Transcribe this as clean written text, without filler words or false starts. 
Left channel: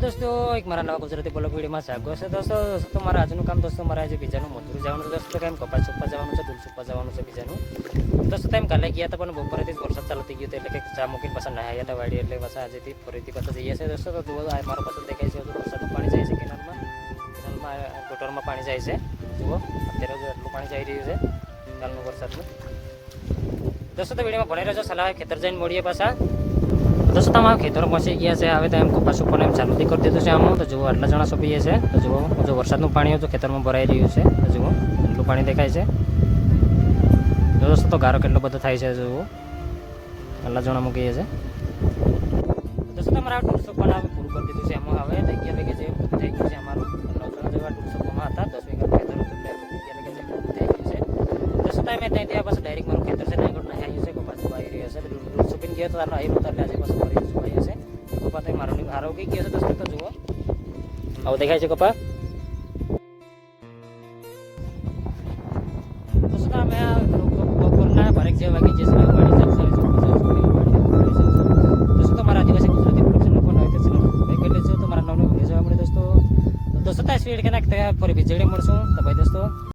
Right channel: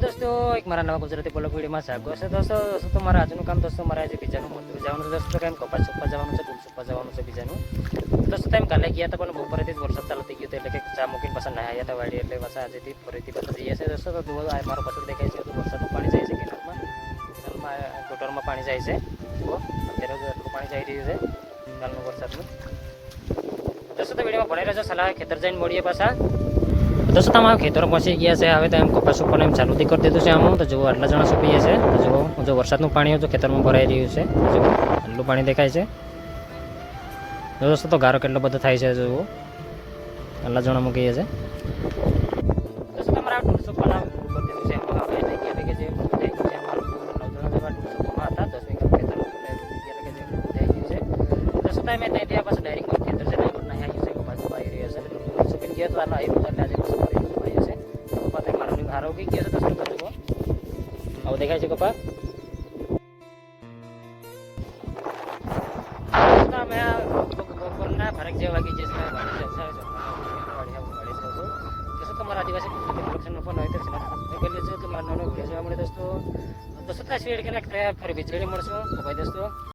દોસ્તો એક મારા નવા ગુજરાતી બ્લોગ વિડીયોમાં સ્વાગત છે દોસ્તો મારા આજનું કામ દોસ્તો મારા આજે બીજાનું મજૂર જવાનું છે દોસ્તો કેમ કપાસ સુપા જવાનું છે ડૂલ સુપા જવાનું છે બીજાનું દોસ્તો તેમ કાલે ગયા હતા પણ બપોરેથી જ વરસાદ ચાલુ થઈ ગયો એટલે કે ચા મૂકીને પાછા નહાયા હતા વાડી એટલે પાછા આજેથી ફરીથી પાછા જઈએ છે દોસ્તો તો જુઓ આ મારો પાછળ દેખાય છે તો વરસાદનું પાણી જાય છે કેનાલમાં ગટરમાં પાણી જાય છે જુઓ અત્યારે એટલું પાણી જઈ રહ્યું છે કાલનું વરસાદનું દોસ્તો તો વિડીયોમાં ભણાઈ રહ્યો સલાહ ખેતર જઈને મળીએ પાછા દોસ્તો તમારા ખેતરો પહોંચી ગયા છે હવે તો એમ કપાસ ઉપર એમ ચાલુ કરી દીધું છે આમ તો જુઓ આટલા જણા સોંપીએ છે તો જુઓ જો વરસાદનું પાણી તો ખેતરમાં ભરાઈ રહ્યું છે તો જુઓ એટલું પાણી દેખાય છે દોસ્તો તો ગારો કેટલો બધો થાય છે જુઓ આટલા જણા મૂકીએ છે દોસ્તો તમારા ટૂરસો પણ પૂરું કરી દીધું છે એમાં હવે થઈ ગયા કે જે થઈ ગયું છે અમારું 9 જણા જેવા ટૂરસોમાં હતા 10 વીઘા ખેતર થઈ ગયું છે દોસ્તો મેં ત્યાં ત્યાં પાછું ડાયરેક્ટ મારું ખેતર છે ત્યાં પણ આવ્યું છે કપાસ આવી રહ્યો છે સુકીને ગયો તો આવ્યું એટલે આજે પાછું ફરી આવ્યું છે કપા તો મારું હારો ઉગી ગયો છે દોસ્તો જુઓ આવું દેખાય છે કપા અમે બપોરના ભરેક જે વાગી જશે દોસ્તો તમારા આદિવાસી ગુજરાતી પ્રોડક્શનનો ફોન આવી છે તો મારા નવનો વિડીયો જોવા મળે દોસ્તો ત્યાં સ્પીડ કે નાખતા ફરી વીજળી મળશું તો ભાઈ દોસ્તો